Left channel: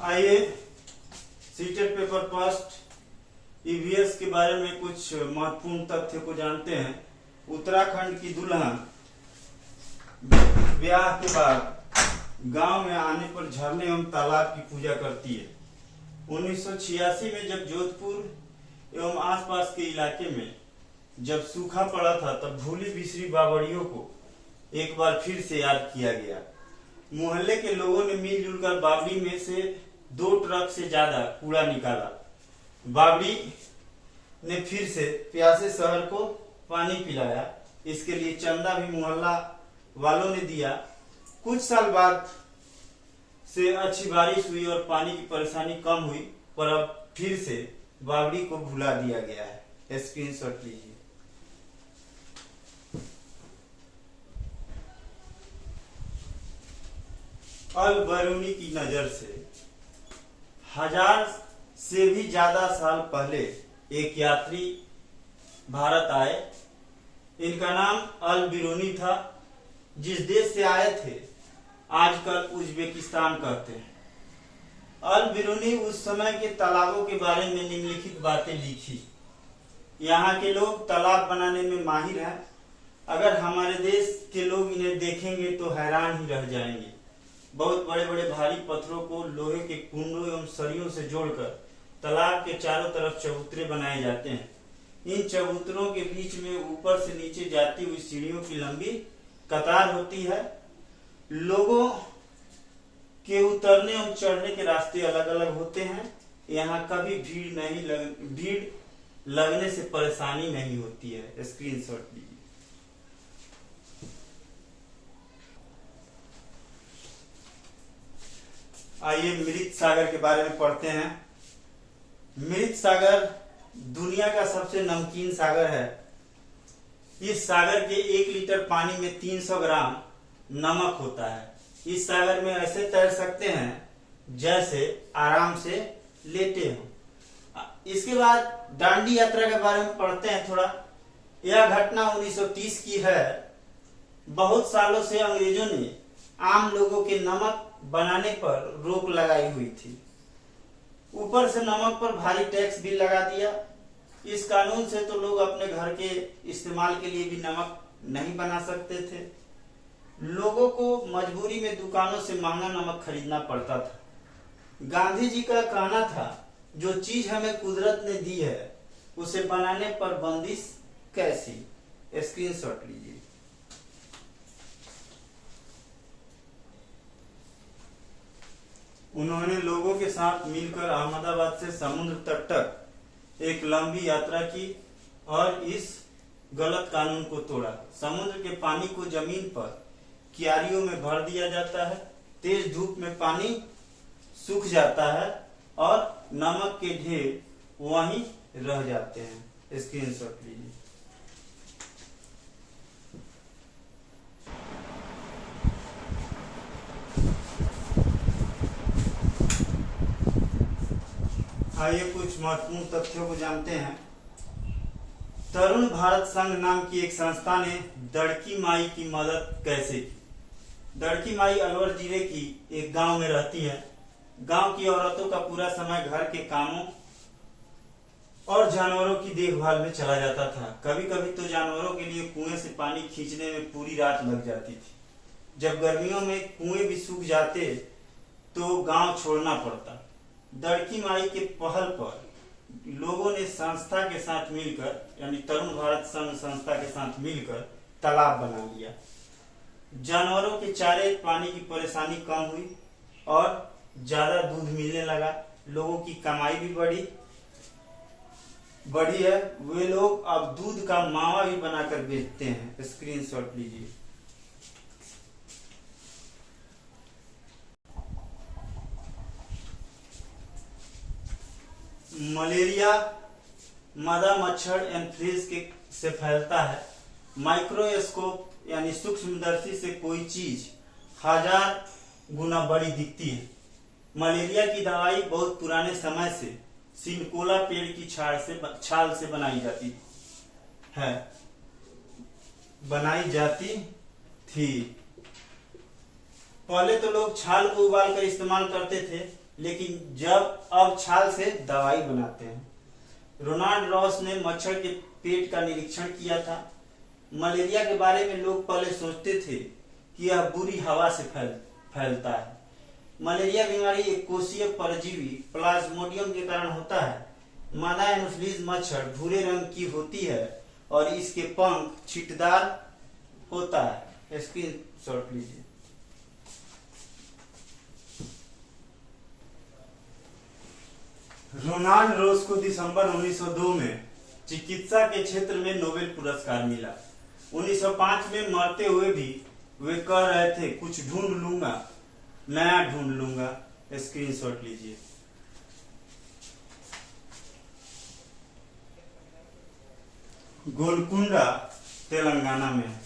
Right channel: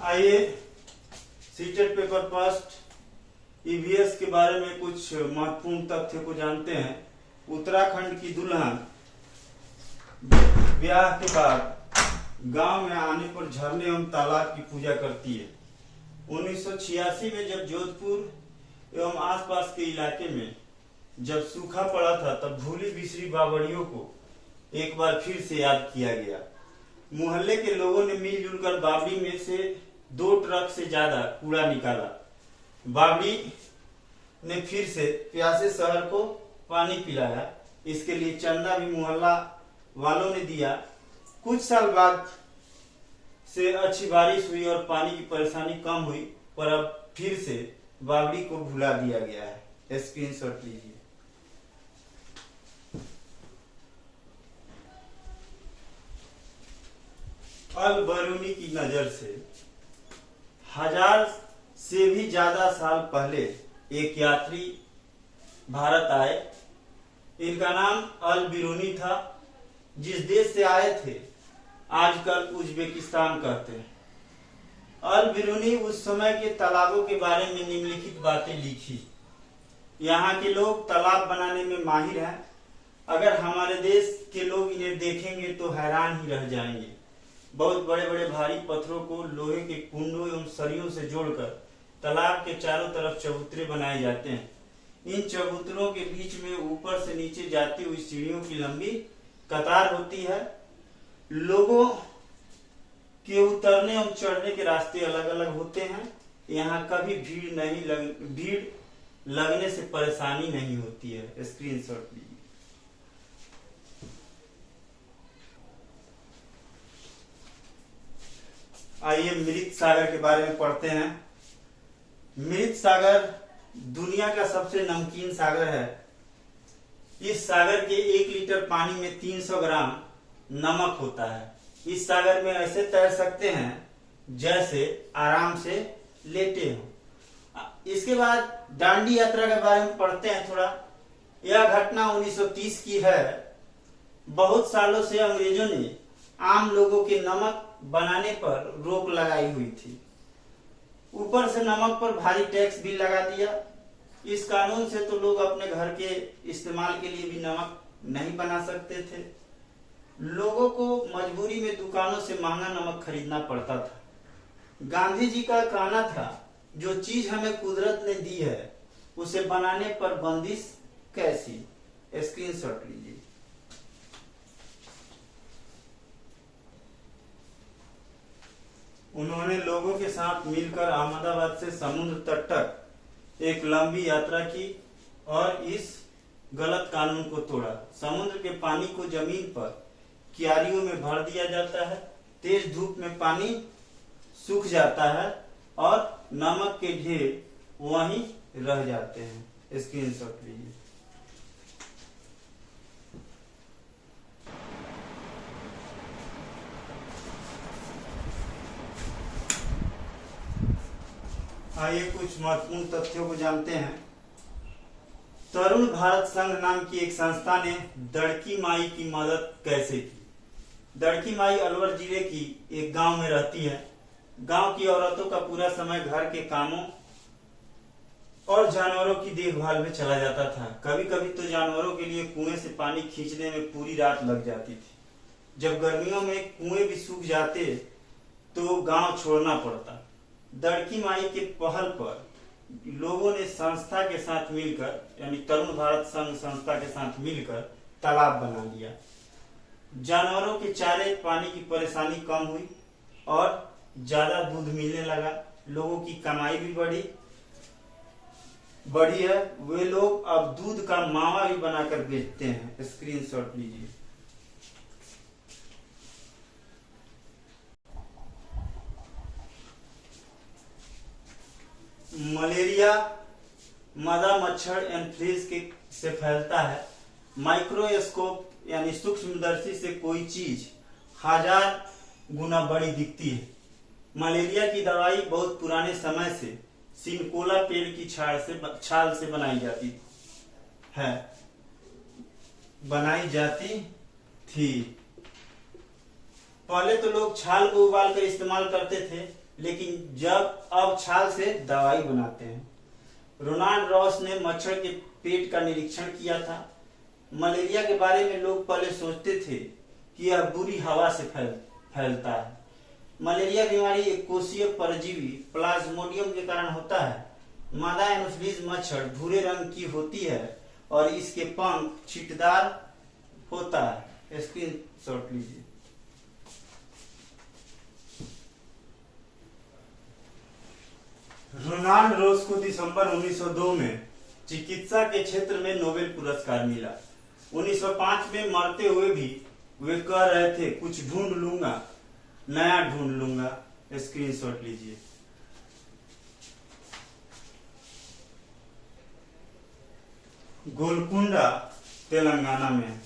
आइए CTET paper first EVS के बारे में कुछ महत्वपूर्ण तथ्य को जानते हैं। उत्तराखंड की दुल्हन ब्याह के बाद गांव में आने पर झरने एवं तालाब की पूजा करती है। 1986 में जब जोधपुर एवं आसपास के इलाके में जब सूखा पड़ा था, तब भूली बिसरी बावड़ियों को एक बार फिर से याद किया गया। मोहल्ले के लोगों ने मिलजुल कर बावड़ी में से 2 ट्रक से ज्यादा कूड़ा निकाला। बावड़ी ने फिर से प्यासे शहर को पानी पिलाया। इसके लिए चंदा भी मोहल्ला वालों ने दिया। कुछ साल बाद से अच्छी बारिश हुई और पानी की परेशानी कम हुई, पर अब फिर से बावड़ी को भुला दिया गया है। स्क्रीनशॉट लीजिए। अल बरूनी की नजर से 1000 से भी ज्यादा साल पहले एक यात्री भारत आए। इनका नाम अल बिरूनी था। जिस देश से आए थे आजकल उज्बेकिस्तान कहते हैं। अल बिरूनी उस समय के तालाबों के बारे में निम्नलिखित बातें लिखी। यहाँ के लोग तालाब बनाने में माहिर हैं। अगर हमारे देश के लोग इन्हें देखेंगे तो हैरान ही रह जाएंगे। बहुत बड़े बड़े भारी पत्थरों को लोहे के कुंडों एवं सरियों से जोड़कर तालाब के चारों तरफ चबूतरे बनाए जाते हैं। इन चबूतरों के बीच में ऊपर से नीचे जाती हुई सीढ़ियों की लंबी कतार होती है। लोगों के उतरने एवं चढ़ने के रास्ते अलग अलग होते हैं। यहाँ कभी भीड़ लगने से परेशानी नहीं होती है। स्क्रीनशॉट लीजिए। आइए मृत सागर के बारे में पढ़ते हैं। मृत सागर दुनिया का सबसे नमकीन सागर है। इस सागर के 1 लीटर पानी में 300 ग्राम नमक होता है। इस सागर में ऐसे तैर सकते हैं जैसे आराम से लेटे हो। इसके बाद डांडी यात्रा के बारे में पढ़ते हैं थोड़ा। यह घटना 1930 की है। बहुत सालों से अंग्रेजों ने आम लोगों के नमक बनाने पर रोक लगाई हुई थी। ऊपर से नमक पर भारी टैक्स भी लगा दिया। इस कानून से तो लोग अपने घर के इस्तेमाल के लिए भी नमक नहीं बना सकते थे। लोगों को मजबूरी में दुकानों से महंगा नमक खरीदना पड़ता था। गांधी जी का कहना था, जो चीज हमें कुदरत ने दी है उसे बनाने पर बंदिश कैसी। स्क्रीनशॉट लीजिए। उन्होंने लोगों के साथ मिलकर अहमदाबाद से समुद्र तट तक एक लंबी यात्रा की और इस गलत कानून को तोड़ा। समुद्र के पानी को जमीन पर क्यारियों में भर दिया जाता है। तेज धूप में पानी सूख जाता है और नमक के ढेर वहीं रह जाते हैं। स्क्रीनशॉट लीजिए। आइए कुछ महत्वपूर्ण तथ्यों को जानते हैं। तरुण भारत संघ नाम की एक संस्था ने दड़की माई की मदद कैसे की। दड़की माई अलवर जिले की एक गांव में रहती है। गांव की औरतों का पूरा समय घर के कामों और जानवरों की देखभाल में चला जाता था। कभी कभी तो जानवरों के लिए कुएं से पानी खींचने में पूरी रात लग जाती थी। जब गर्मियों में कुएं भी सूख जाते तो गांव छोड़ना पड़ता। दड़की माई के पहल पर लोगों ने संस्था के साथ मिलकर, यानी तरुण भारत संघ संस्था के साथ मिलकर तालाब बना लिया। जानवरों के चारे पानी की परेशानी कम हुई और ज्यादा दूध मिलने लगा। लोगों की कमाई भी बढ़ी है। वे लोग अब दूध का मावा भी बनाकर बेचते हैं। स्क्रीनशॉट लीजिए। मलेरिया मादा मच्छर एनफ्लूएंजा से फैलता है। माइक्रोस्कोप यानी सूक्ष्मदर्शी से कोई चीज 1000 गुना बड़ी दिखती है। मलेरिया की दवाई बहुत पुराने समय से सिनकोला पेड़ की छाल से बनाई जाती थी। पहले तो लोग छाल को उबाल कर इस्तेमाल करते थे, लेकिन जब अब छाल से दवाई बनाते हैं। रोनाल्ड रॉस ने मच्छर के पेट का निरीक्षण किया था। मलेरिया के बारे में लोग पहले सोचते थे कि यह बुरी हवा से फैलता है। मलेरिया बीमारी एक कोशीय परजीवी प्लाज्मोडियम के कारण होता है। मादा एनोफिलीज मच्छर भूरे रंग की होती है और इसके पंख छींटदार होता है। स्क्रीनशॉट लीजिए। रोनाल्ड रॉस को दिसंबर 1902 में चिकित्सा के क्षेत्र में नोबेल पुरस्कार मिला। 1905 में मरते हुए भी वे कह रहे थे, कुछ ढूंढ लूंगा, नया ढूंढ लूंगा। स्क्रीनशॉट लीजिए। गोलकुंडा तेलंगाना में है।